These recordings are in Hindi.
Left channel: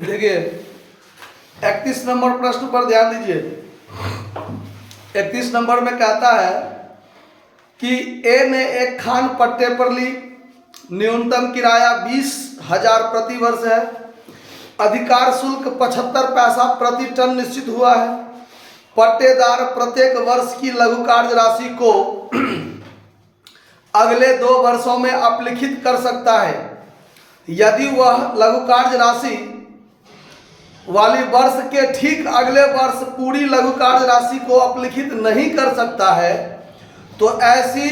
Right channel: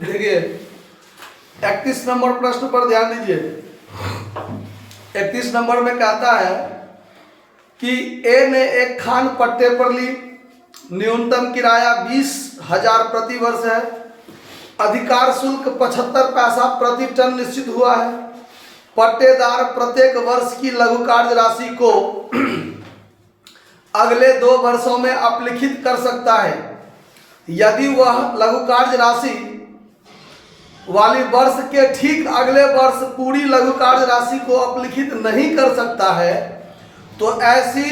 देखिए 31 नंबर प्रश्न पर ध्यान दीजिए। 31 नंबर में कहता है कि ए ने एक खान पट्टे पर ली, न्यूनतम किराया 20,000 प्रति वर्ष है, अधिकार शुल्क 75 पैसा प्रति टन निश्चित हुआ है। पट्टेदार प्रत्येक वर्ष की लघु कार्य राशि को अगले 2 वर्षों में अपलिखित कर सकता है। यदि वह लघु कार्य राशि वाली वर्ष के ठीक अगले वर्ष पूरी लघु कार्य राशि को अपलिखित नहीं कर सकता है तो ऐसी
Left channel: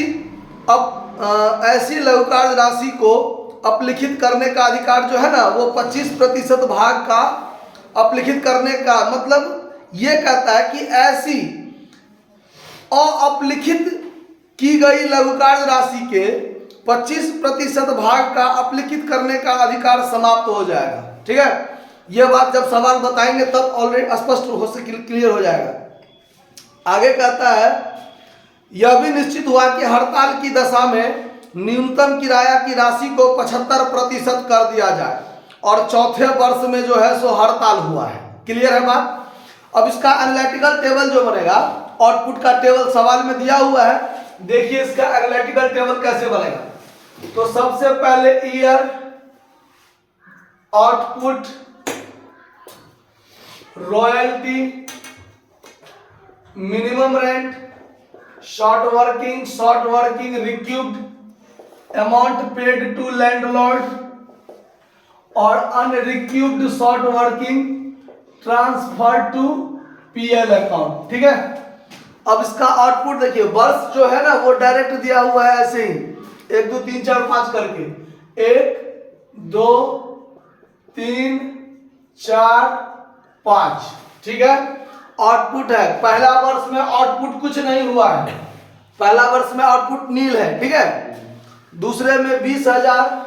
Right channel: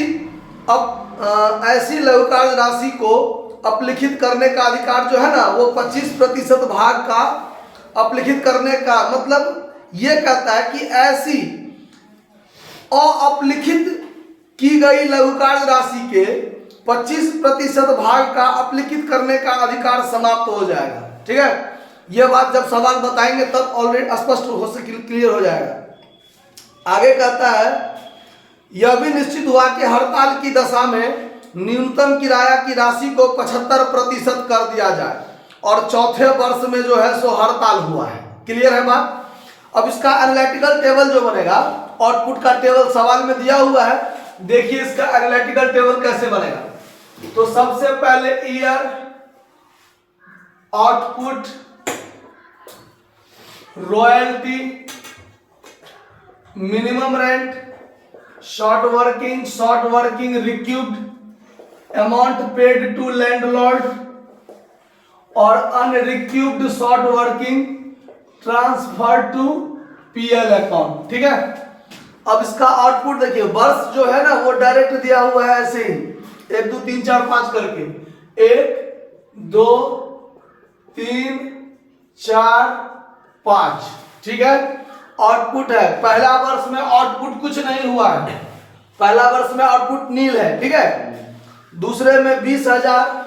लघु कार्य राशि को अपलिखित करने का अधिकार जो है ना वो 25% भाग का अपलिखित करने का, मतलब ये कहता है कि ऐसी अपलिखित की गई लघु कार्य राशि के 25% भाग का अपलिखित करने का अधिकार समाप्त हो जाएगा। ठीक है, यह बात जब सवाल बताएंगे तब ऑलरेडी स्पष्ट हो से क्लियर हो जाएगा। आगे कहता है यह भी निश्चित हुआ कि हड़ताल की दशा में न्यूनतम किराया की राशि को 75% कर दिया जाए और चौथे वर्ष में जो है सो हड़ताल हुआ है। क्लियर है बात। अब इसका एनालिटिकल टेबल जो बनेगा, आउटपुट का टेबल सवाल में दिया हुआ है, देखिए इसका एनालिटिकल टेबल कैसे बनेगा। तो सबसे पहले year, output, royalty, minimum rent, short working recouped, amount paid to landlord और unrecouped short working transfer to PL account. ठीक है, अब इसका आउटपुट देखिए, वर्ष जो है ना वो डायरेक्ट दिया हुआ है ऐसे ही 1 2 3 4 5 करके, 1 2 3 4 5। ठीक है, आउटपुट है, पहला वर्ष में आउटपुट कुछ नहीं हुआ है, पहला वर्ष में आउटपुट नील है। ठीक है, दूसरे में 20,000,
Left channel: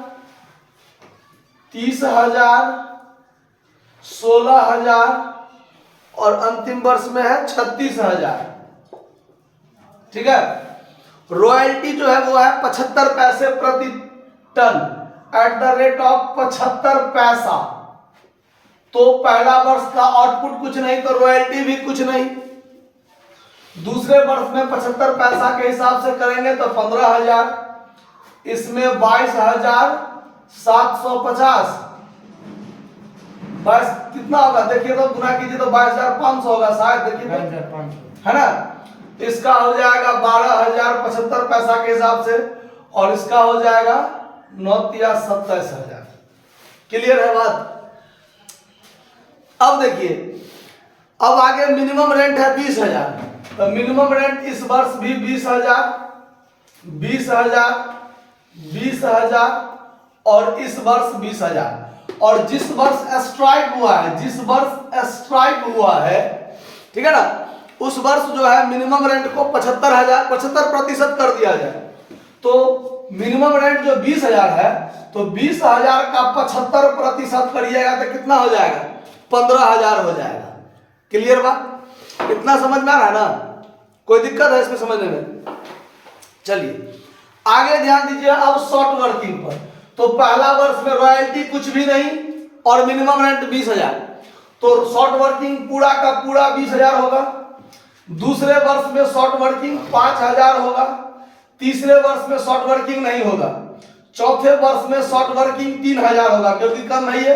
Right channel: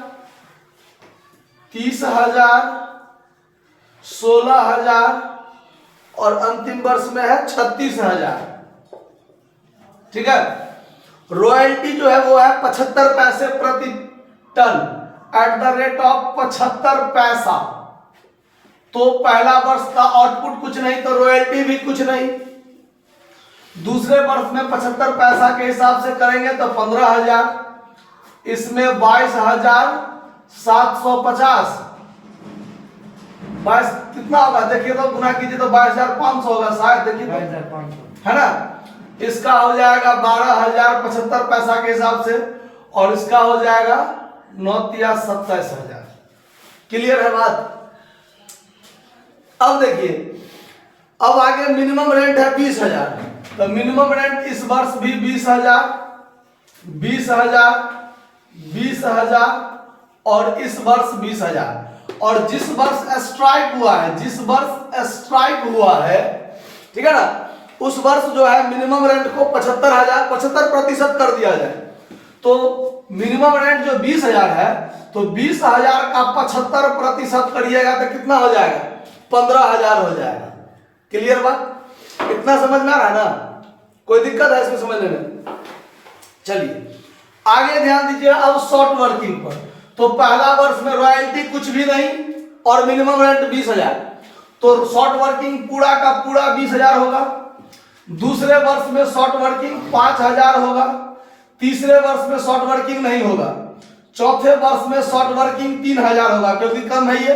30,000, 16,000 और अंतिम वर्ष में है 36,000। ठीक है, रॉयल्टी जो है वो है 75 पैसे प्रति ton at the rate of 75 पैसा। तो पहला वर्ष का आउटपुट कुछ नहीं तो रॉयल्टी भी कुछ नहीं। दूसरे वर्ष में 75 पैसा के हिसाब से करेंगे तो 15,000, इसमें 22,750, 22 कितना होगा देखिए तो गुना कीजिए तो 22,500 होगा शायद, देखिए 22,500 है ना। इसका हो जाएगा 12,075 पैसा के हिसाब से और इसका हो जाएगा 9,27,000। क्लियर है बात। अब देखिए, अब आगे मिनिमम रेंट है 20,000, तो मिनिमम रेंट इस वर्ष भी 20,000, 20,000, 20,000 और इस वर्ष 20,000। और जिस वर्ष स्ट्राइक हुआ है, जिस वर्ष स्ट्राइक हुआ है, ठीक है ना, उस वर्ष जो है मिनिमम रेंट को 75% कर दिया जाए। तो मिनिमम रेंट जो 20,000 है तो 20,000 का 75% करिएगा तो कितना हो जाएगा, 15,000 हो जाएगा। क्लियर बात, इतना समझ में आ रहा है ना, कोई दिक्कत है इसमें समझने में। चलिए आगे ध्यान दीजिए अब शॉर्ट वर्किंग पर। तो पहला वर्ष में रॉयल्टी कुछ भी नहीं और मिनिमम रेंट 20,000, तो शॉर्ट वर्किंग पूरा का पूरा 20,000 होगा। दूसरे वर्ष में शॉर्ट वर्किंग 5,000 होगा। तीसरे वर्ष में शॉर्ट वर्किंग नहीं होगा। चौथे वर्ष में शॉर्ट वर्किंग 3,000 होगा क्योंकि कम है ये,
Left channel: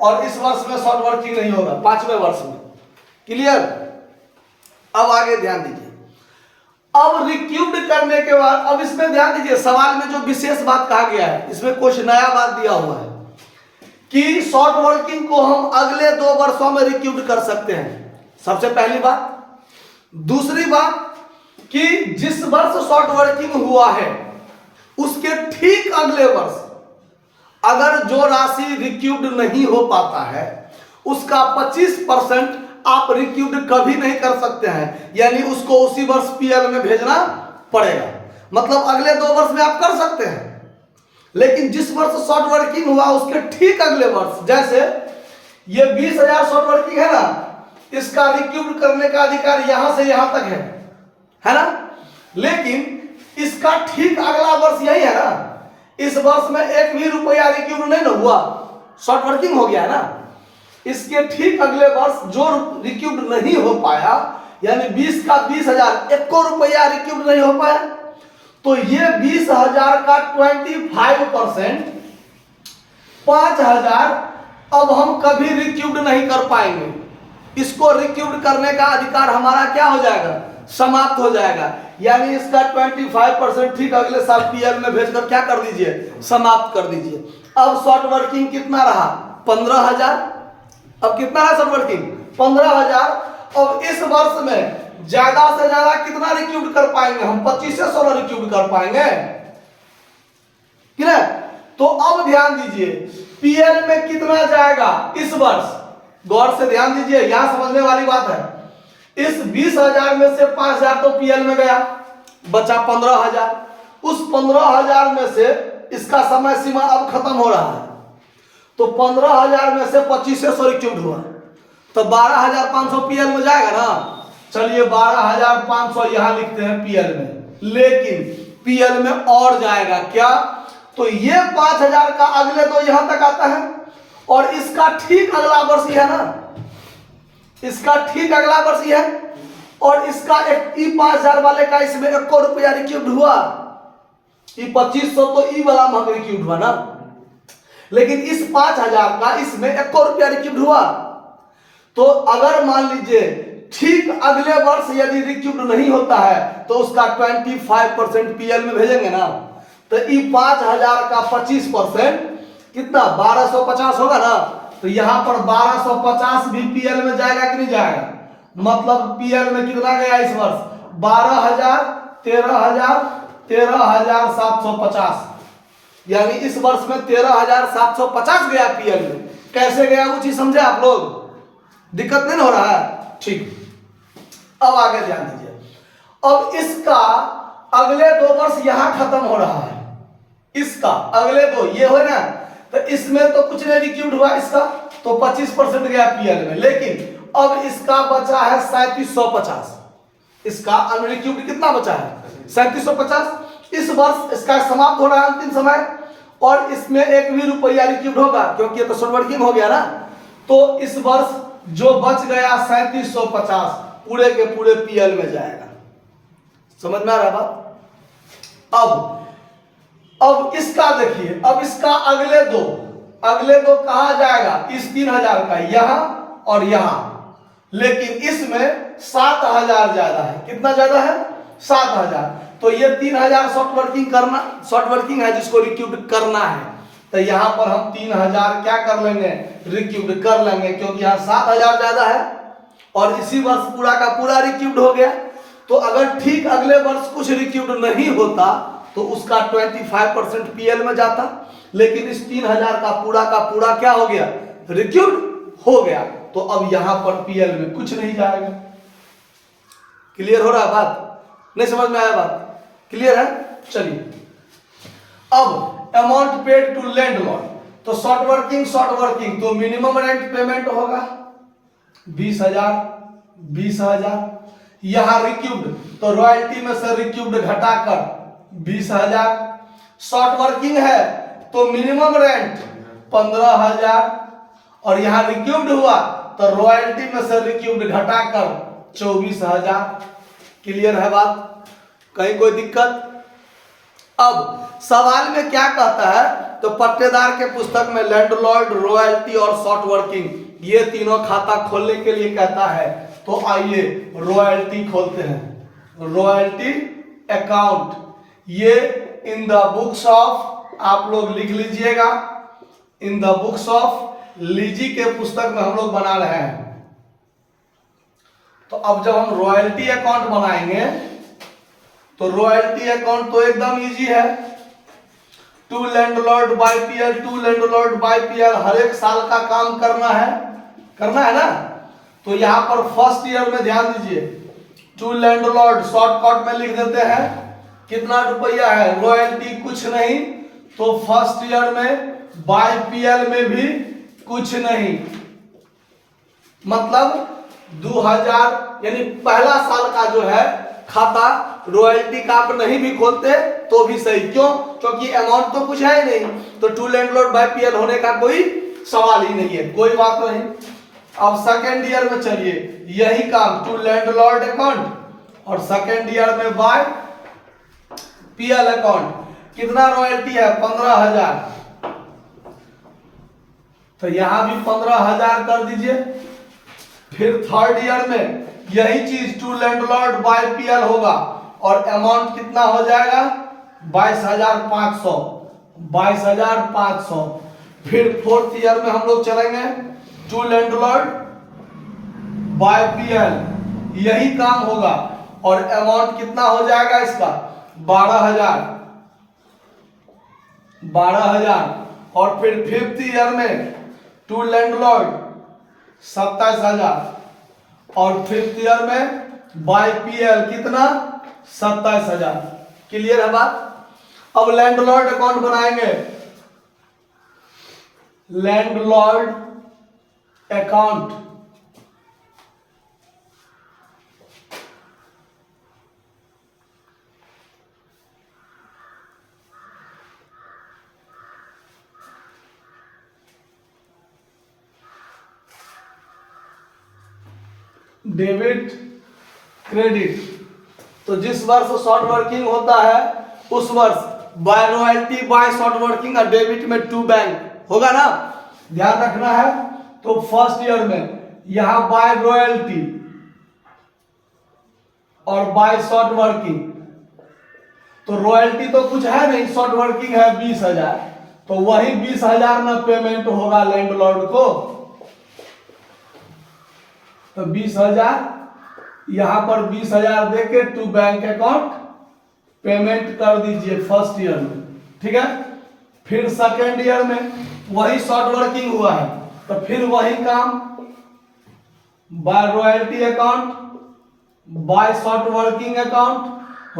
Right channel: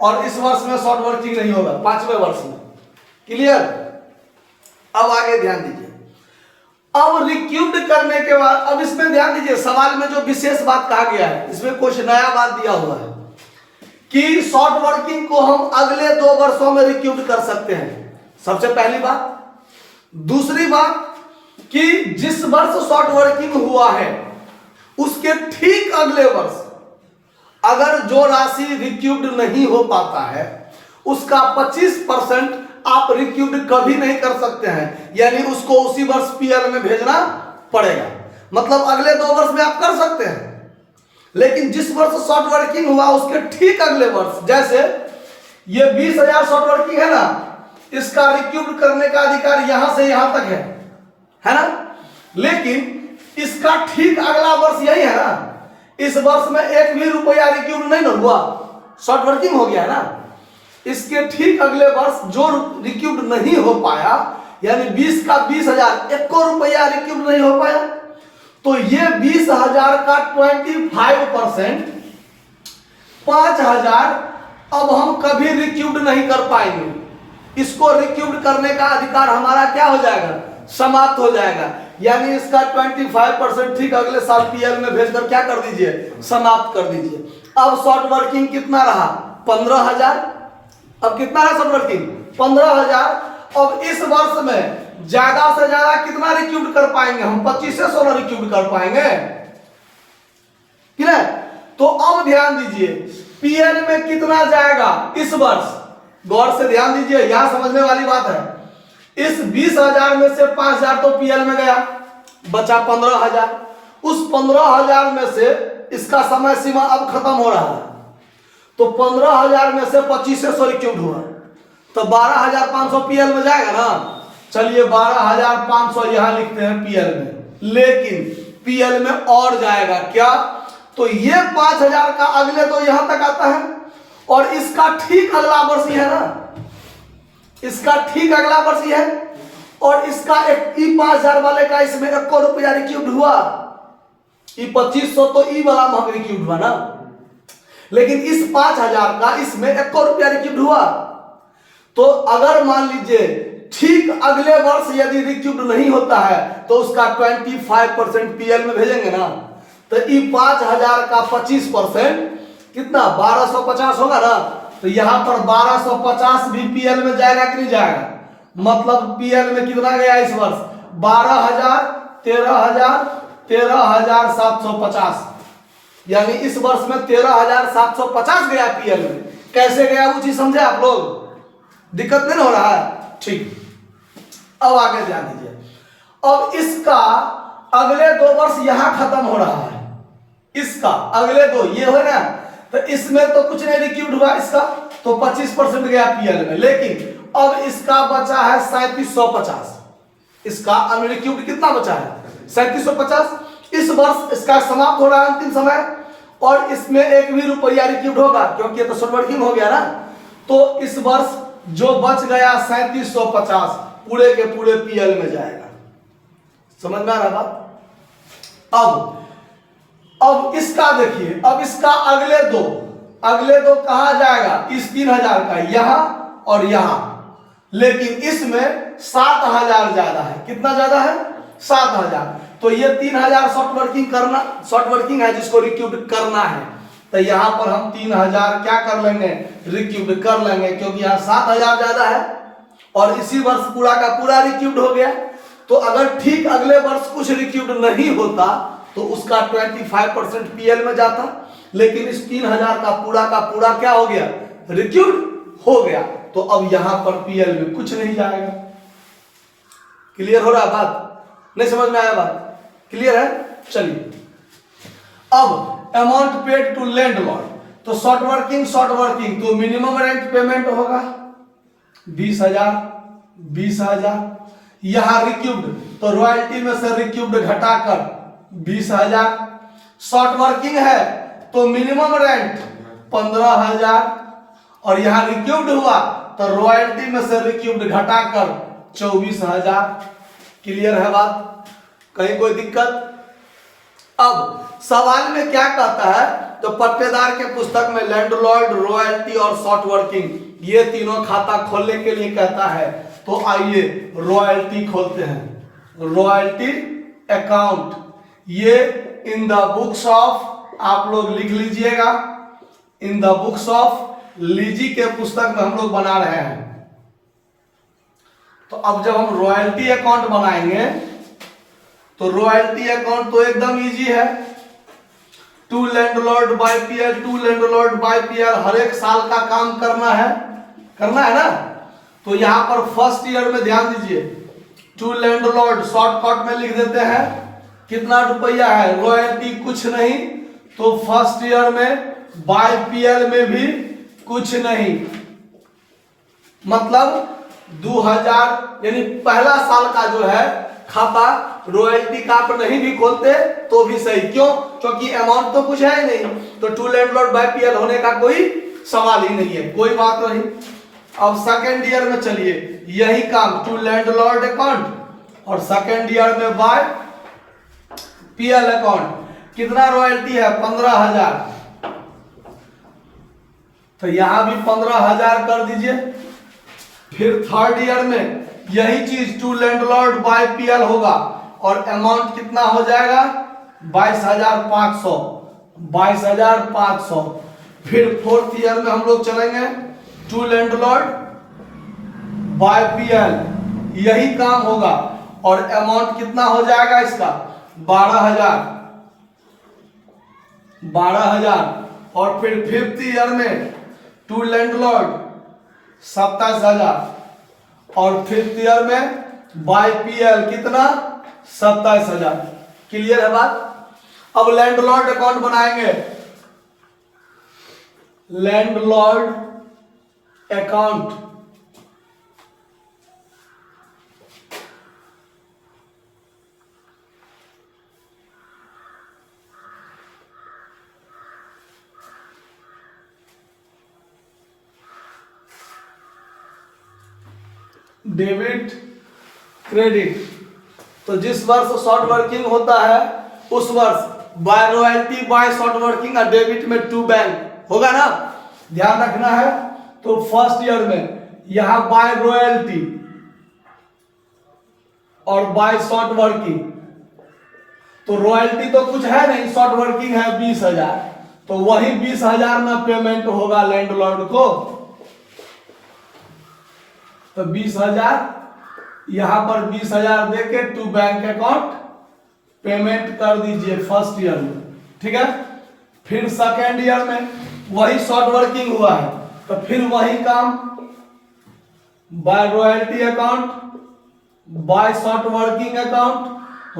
और इस वर्ष में शॉर्ट वर्किंग नहीं होगा, 5वें वर्ष में। क्लियर। अब आगे ध्यान दीजिए, अब रिक्यूब्ड करने के बाद, अब इसमें ध्यान दीजिए सवाल में जो विशेष बात कहा गया है, इसमें कुछ नया बात दिया हुआ है कि शॉर्ट वर्किंग को हम अगले 2 वर्षों में रिक्यूब्ड कर सकते हैं, सबसे पहली बात। दूसरी बात कि जिस वर्ष शॉर्ट वर्किंग हुआ है उसके ठीक अगले वर्ष अगर जो राशि रिक्यूब्ड नहीं हो पाता है उसका 25% आप रिक्यूब्ड कभी नहीं कर सकते हैं, यानी उसको उसी वर्ष पीएल में भेजना पड़ेगा। मतलब अगले 2 वर्ष में आप कर सकते हैं, लेकिन जिस वर्ष शॉर्ट वर्किंग हुआ उसके ठीक अगले वर्ष, जैसे ये 20,000 शॉर्ट वर्किंग है ना, इसका रिक्यूब्ड करने का अधिकार यहां से यहां तक है ना, लेकिन इसका ठीक अगला वर्ष यही है ना, इस वर्ष में 1 भी रुपया रिक्यूब्ड नहीं ना हुआ, शॉर्ट वर्किंग हो गया है ना, इसके ठीक अगले वर्ष जो रिक्यूब नहीं हो पाया, यानी 20 का 20,000, 1 रुपया रिक्यूब नहीं हो पाया, तो ये 20,000 का 25%, 5,000 अब हम कभी रिक्यूब नहीं कर पाएंगे। इसको रिक्यूब करने का अधिकार हमारा क्या हो जाएगा, समाप्त हो जाएगा। यानी इसका 25% ठीक अगले साल पीएल में भेजकर क्या कर दीजिए, समाप्त कर दीजिए। अब शॉर्ट वर्किंग कितना रहा, 15,000। अब कितना रहा शॉर्ट वर्किंग, 15,000। अब इस वर्ष में ज्यादा से ज्यादा कितना रिक्यूब कर पाएंगे हम, 2500 रिक्यूब कर पाएंगे, ठीक है। तो अब ध्यान दीजिए पीएल में कितना जाएगा इस वर्ष, गौर से ध्यान दीजिए, यहां समझने वाली बात है। इस 20,000 में से 5,000 तो पीएल में गया, बचा 15,000। उस 15,000 में से इसका समय सीमा अब खत्म हो रहा है, तो 15,000 में से 2500 रिक्यूब हुआ, तो 12,500 पीएल में जाएगा ना। चलिए 12,500 यहां लिखते हैं पीएल में, लेकिन पीएल में और जाएगा क्या, तो ये 5,000 का अगले तो यहां तक आता है, और इसका ठीक अगला वर्ष है ना, इसका ठीक अगला वर्ष है, और इसका 5,000 वाले का इसमें 1 रुपया रिक्यूब हुआ, 2500 तो ई वाला में रिक्यूब हुआ ना, लेकिन इस 5,000 का इसमें 1 रुपया रिक्यूब हुआ। तो अगर मान लीजिए ठीक अगले वर्ष यदि रिक्यूब नहीं होता है तो उसका 25% पीएल में भेजेंगे ना, तो ये 5,000 का 25% कितना 1250 होगा ना, तो यहां पर 1250 भी पीएल में जाएगा कि नहीं जाएगा। मतलब पीएल में कितना गया इस वर्ष, 12,000, 13,000, 13,750, यानी इस वर्ष में 13,750 गया पीएल में। कैसे गया वो चीज समझे आप लोग, दिक्कत नहीं हो रहा है, ठीक। अब आगे ध्यान दीजिए, अब इसका अगले 2 वर्ष यहां खत्म हो रहा है, इसका अगले 2 ये हो ना, तो इसमें तो कुछ नहीं रिक्यूब हुआ इसका, तो 25% गया पीएल में, लेकिन अब इसका बचा है 3750, इसका अनरिक्यूब कितना बचा है 3750। इस वर्ष इसका समाप्त हो रहा है अंतिम समय, और इसमें 1 भी रुपया रिक्यूब होगा क्योंकि ये तो शॉर्ट वर्किंग हो गया ना, तो इस वर्ष जो बच गया 3750 पूरे के पूरे पीएल में जाएगा। समझ में आ रहा बात। अब इसका देखिए, अब इसका अगले दो कहां जाएगा, इस 3,000 का यहां और यहां, लेकिन इसमें 7,000 ज्यादा है। कितना ज्यादा है, 7,000। तो ये 3,000 शॉर्ट वर्किंग है जिसको रिक्यूब करना है, तो यहां पर हम 3,000 क्या कर लेंगे, रिक्यूब कर लेंगे, क्योंकि यहां 7,000 ज्यादा है और इसी वर्ष पूरा का पूरा रिक्यूब हो गया। तो अगर ठीक अगले वर्ष कुछ रिक्यूब नहीं होता तो उसका 25% पीएल में जाता, लेकिन इस 3,000 का पूरा क्या हो गया, रिक्यूब हो गया, तो अब यहां पर पीएल में कुछ नहीं जाएगा। क्लियर हो रहा बात, नहीं समझ में आया बात, क्लियर है। चलिए अब अमाउंट पेड टू लैंडलॉर्ड, तो शॉर्ट वर्किंग तो मिनिमम रेंट पेमेंट होगा 20,000। यहां रिक्यूब्ड तो रॉयल्टी में से रिक्यूब्ड घटाकर 20,000। शॉर्ट वर्किंग है तो मिनिमम रेंट 15,000, और यहां रिक्यूब्ड हुआ तो रॉयल्टी में से रिक्यूब्ड घटाकर 24,000। क्लियर है बात, कहीं कोई दिक्कत। अब सवाल में क्या कहता है, तो पट्टेदार के पुस्तक में लैंडलॉर्ड, रॉयल्टी और शॉर्ट वर्किंग ये तीनों खाता खोलने के लिए कहता है। तो आइए रॉयल्टी खोलते हैं, रॉयल्टी अकाउंट, ये इन द बुक्स ऑफ, आप लोग लिख लीजिएगा, इन द बुक्स ऑफ लीजी के पुस्तक में हम लोग बना रहे हैं। तो अब जब हम रॉयल्टी अकाउंट बनाएंगे तो रॉयल्टी अकाउंट तो एकदम इजी है, टू लैंडलॉर्ड बाय पीएल, हर एक साल का काम करना है ना। तो यहां पर फर्स्ट ईयर में ध्यान दीजिए, टू लैंडलॉर्ड शॉर्टकट में लिख देते हैं, कितना रुपया है, रॉयल्टी कुछ नहीं, तो फर्स्ट ईयर में बाय पीएल में भी कुछ नहीं, मतलब 2000, यानी पहला साल का जो है खाता रॉयल्टी का आप नहीं भी खोलते तो भी सही। क्यों, क्योंकि अमाउंट तो कुछ है नहीं, तो टू लैंडलॉर्ड बाय पीएल होने का कोई सवाल ही नहीं है, कोई बात नहीं। अब सेकेंड ईयर में चलिए यही काम टू लैंडलॉर्ड अकाउंट और सेकेंड ईयर में बाय पीएल अकाउंट। कितना रॉयल्टी है? 15,000। तो यहां भी 15,000 कर दीजिए। फिर थर्ड ईयर में यही चीज टू लैंडलॉर्ड बाय पीएल होगा और अमाउंट कितना हो जाएगा? 22,500। 22,500। फिर फोर्थ ईयर में हम लोग चलेंगे टू लैंडलॉर्ड बाय पीएल, यही काम होगा और अमाउंट कितना हो जाएगा इसका? 12,000। 12,000। और फिर फिफ्थ ईयर में टू लैंडलॉर्ड 27,000 और फिफ्थ ईयर में बाय पीएल कितना? 27,000। क्लियर है बात? अब लैंडलॉर्ड अकाउंट बनाएंगे। Landlord account debit credit. तो जिस वर्ष शॉर्ट वर्किंग होता है उस वर्ष by royalty by short working और डेबिट में टू बैंक होगा ना, ध्यान रखना है। तो फर्स्ट ईयर में यहां बाय रॉयल्टी और बाय शॉर्ट वर्किंग, तो रॉयल्टी तो कुछ है नहीं, शॉर्ट वर्किंग है 20,000, तो वही 20,000 ना पेमेंट होगा लैंडलॉर्ड को। तो 20,000 यहां पर 20,000 देके टू बैंक अकाउंट पेमेंट कर दीजिए फर्स्ट ईयर में, ठीक है। फिर सेकेंड ईयर में वही शॉर्ट वर्किंग हुआ है तो फिर वही काम by royalty account by short working account,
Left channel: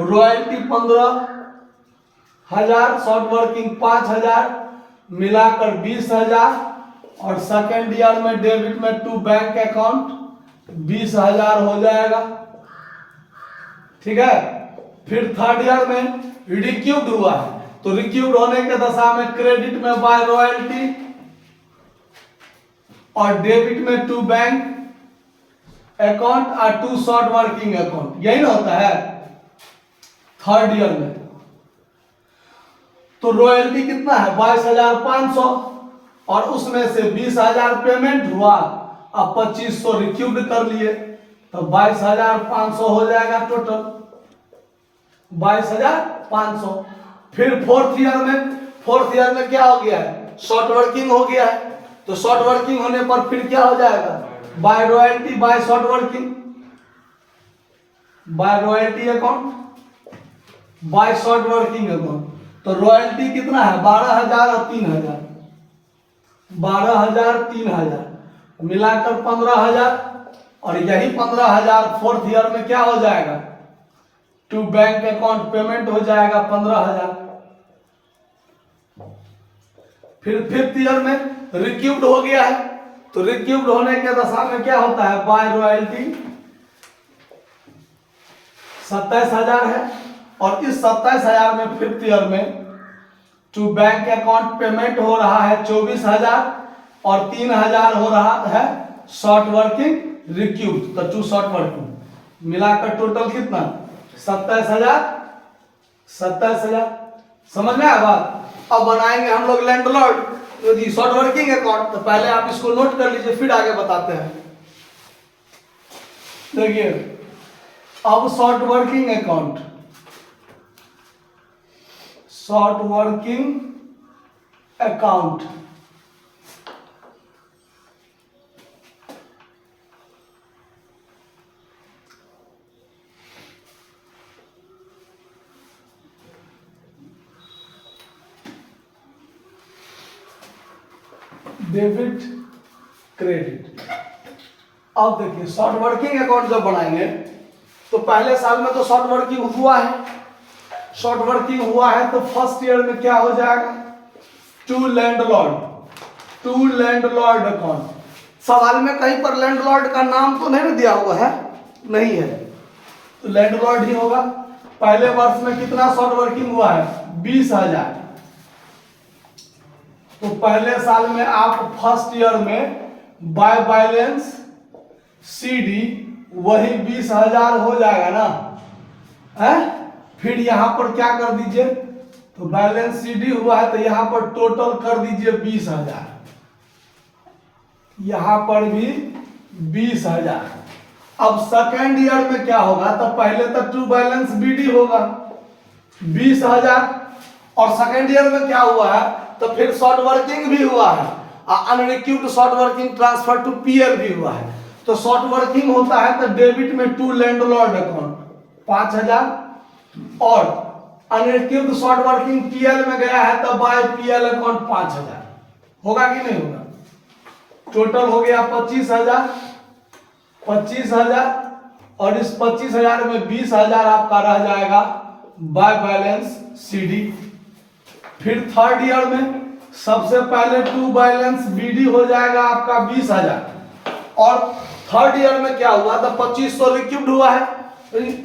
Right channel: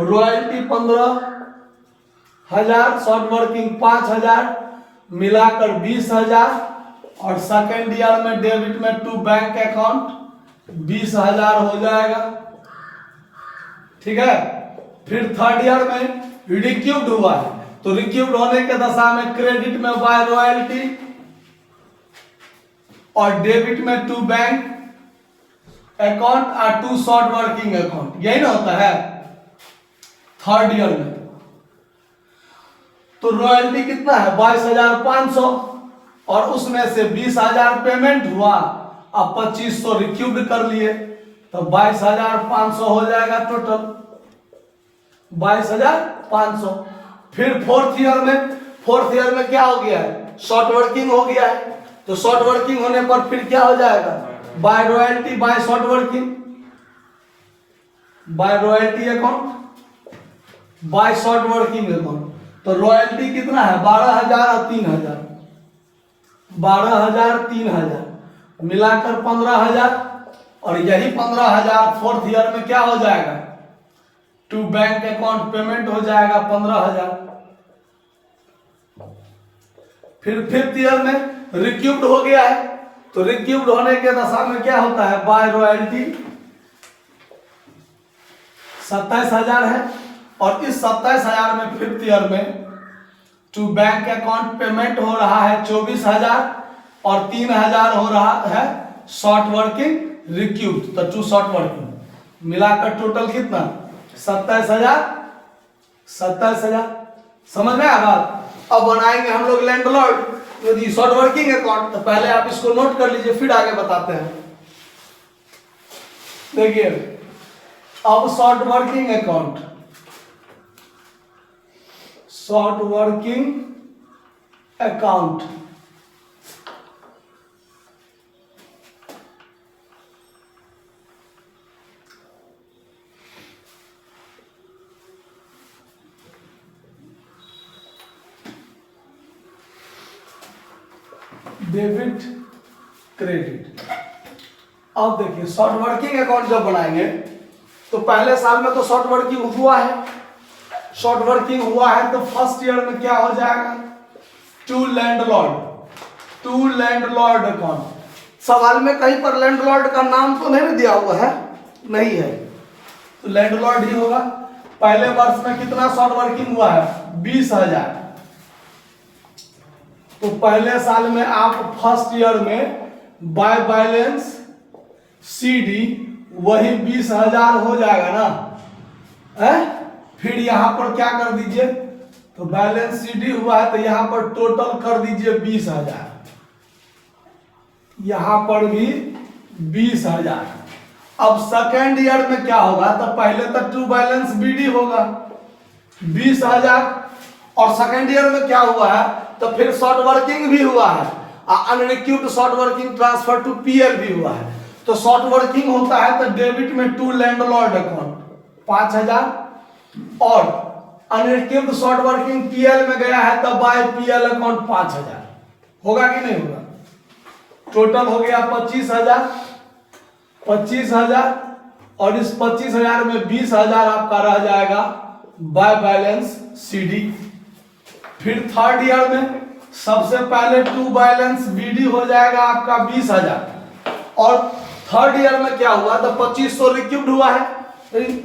royalty 15,000, short working 5,000, मिलाकर 20,000 और सेकेंड ईयर में डेबिट में टू बैंक अकाउंट 20,000 हो जाएगा, ठीक है। फिर थर्ड ईयर में रिक्यूब्ड हुआ है तो रिक्यूब्ड होने के दशा में क्रेडिट में बाय रॉयल्टी और डेबिट में टू बैंक अकाउंट और टू शॉर्ट वर्किंग अकाउंट, यही ना होता है थर्ड ईयर में। तो रॉयल्टी कितना है? 22,500 और उसमें से 20,000 पेमेंट हुआ, अब 2,500 रिक्यूब्ड कर लिए तो 22,500 हो जाएगा टोटल 22,500। फिर फोर्थ ईयर में क्या हो गया है? शॉर्ट वर्किंग हो गया है, तो शॉर्ट वर्किंग होने पर फिर क्या हो जाएगा? By royalty by short working, by royalty account by short working account. तो रॉयल्टी कितना है? 12,000 और 3,000, 12,000 3,000 मिलाकर 15,000 और यही 15,000 फोर्थ ईयर में क्या हो जाएगा? टू बैंक अकाउंट पेमेंट हो जाएगा 15,000। फिर फिफ्थ ईयर में रिक्यूब्ड हो गया है तो रिक्यूब्ड होने के दशा में क्या होता है? बाय रॉयल्टी 27,000 है और इस 27,000 में फिफ्थ ईयर में टू बैंक अकाउंट पेमेंट हो रहा है 24,000 और 3,000 हो रहा है शॉर्ट वर्किंग रिक्यूब्ड, तो टू शॉर्ट वर्किंग मिलाकर टोटल कितना? 27,000। 27,000 समझ में आया बात? अब बनाएंगे हम लोग लैंडलॉर्ड यदि शॉर्ट वर्किंग अकाउंट, तो पहले आप इसको नोट कर लीजिए फिर आगे बताते हैं। देखिए अब short working account, short working account debit credit. अब देखिए शॉर्ट वर्किंग अकाउंट जब बनाएंगे तो पहले साल में तो शॉर्ट वर्किंग हुआ है, शॉर्ट वर्किंग हुआ है तो फर्स्ट ईयर में क्या हो जाएगा? To landlord account. सवाल में कहीं पर लैंडलॉर्ड का नाम तो नहीं दिया हुआ है, नहीं है, तो लैंडलॉर्ड ही होगा। पहले वर्ष में कितना शॉर्ट वर्किंग हुआ है? 20,000। तो पहले साल में आप फर्स्ट ईयर में बाय बैलेंस CD वही 20,000 हो जाएगा ना है। फिर यहां पर क्या कर दीजिए, तो बैलेंस CD हुआ है तो यहां पर टोटल कर दीजिए 20,000, यहां पर भी 20,000। अब सेकेंड ईयर में क्या होगा, तो पहले तो टू बैलेंस BD होगा 20,000, और सेकेंड ईयर में क्या हुआ है, तो फिर शॉर्ट वर्किंग भी हुआ है, unrecouped short working transfer to PL भी हुआ है। तो शॉर्ट वर्किंग होता है तो डेबिट में टू लैंडलॉर्ड अकाउंट 5,000, और अनरिक्यूड शॉर्ट वर्किंग PL में गया है तो बाय PL अकाउंट 5,000 होगा कि नहीं होगा। टोटल हो गया 25,000, और इस 25,000 में 20,000 आपका रह जाएगा बाय बैलेंस CD। फिर थर्ड ईयर में सबसे पहले टू बैलेंस BD हो जाएगा आपका 20,000, और थर्ड ईयर में क्या हुआ, तो 2500 रिक्यूब्ड हुआ है,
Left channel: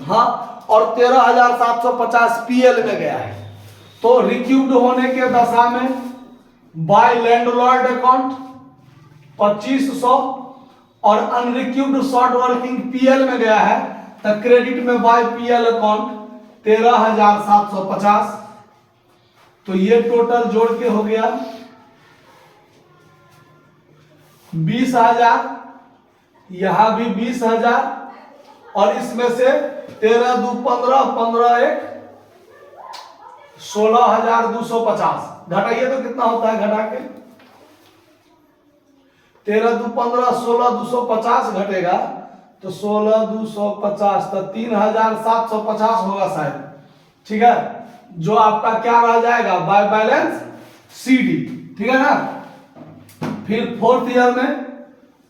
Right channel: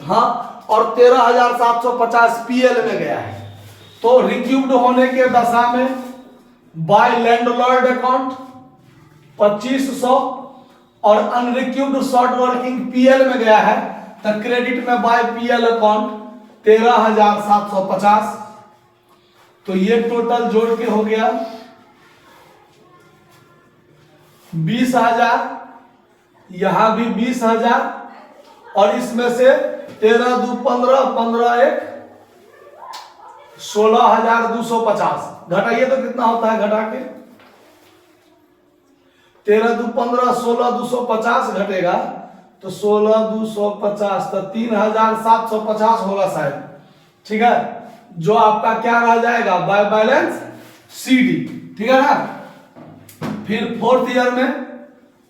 हाँ, और 13,750 PL में गया है। तो रिक्यूब्ड होने के दशा में बाय लैंडलॉर्ड अकाउंट 2500, और अनरिक्यूब्ड शॉर्ट वर्किंग PL में गया है तो क्रेडिट में बाय PL अकाउंट 13,750। तो ये टोटल जोड़ के हो गया 20,000, यहां भी 20,000, और इसमें से 13 दू 15, 15 1 16,250 घटाइए तो कितना होता है, घटा के 13 दू 15 16,250 घटेगा तो 16,250 तो 3,750 होगा शायद, ठीक है, जो आपका क्या रह जाएगा बाय बैलेंस CD, ठीक है ना। फिर फोर्थ ईयर में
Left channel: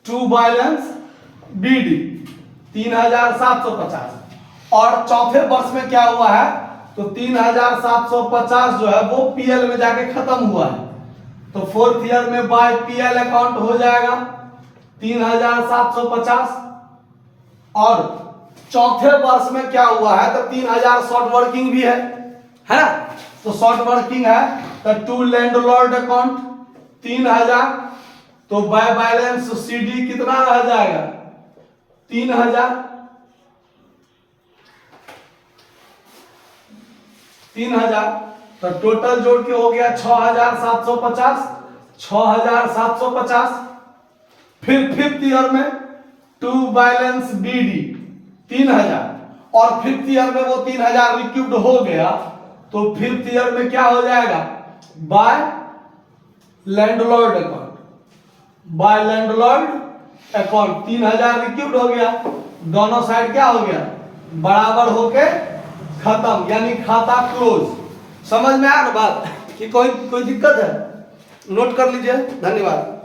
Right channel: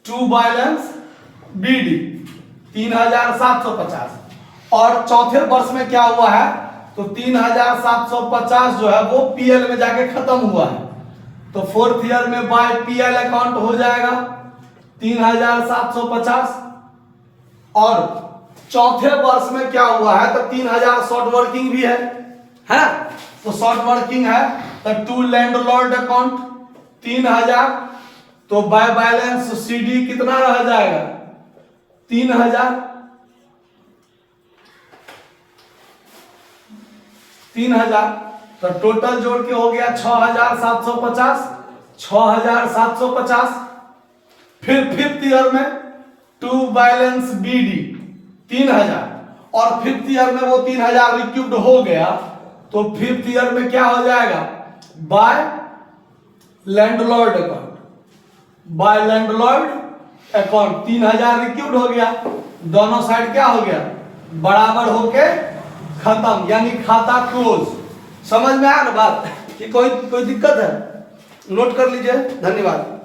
टू बैलेंस BD 3,750, और चौथे वर्ष में क्या हुआ है, तो 3,750 जो है वो PL में जाके खत्म हुआ है। तो फोर्थ ईयर में बाय PL अकाउंट हो जाएगा 3,750, और चौथे वर्ष में क्या हुआ है, तो 3,000 शॉर्ट वर्किंग भी है ना, तो शॉर्ट वर्किंग है तो टू लैंडलॉर्ड अकाउंट 3,000, तो बाय बैलेंस CD कितना रह जाएगा 3,000, तो टोटल जोड़ के हो गया 6,750। फिर फिफ्थ ईयर में टू बैलेंस BD 3,000, और फिफ्थ ईयर में वो 3,000 रिक्यूब्ड हो गया, तो फिफ्थ ईयर में क्या हो जाएगा बाय लैंडलॉर्ड अकाउंट 3,000 रिक्यूब्ड हो गया, दोनों साइड क्या हो गया बराबर होके खत्म, यानी खाता क्लोज। समझ में आ रहा बात कि कोई दिक्कत है, नोट कर लीजिए। धन्यवाद।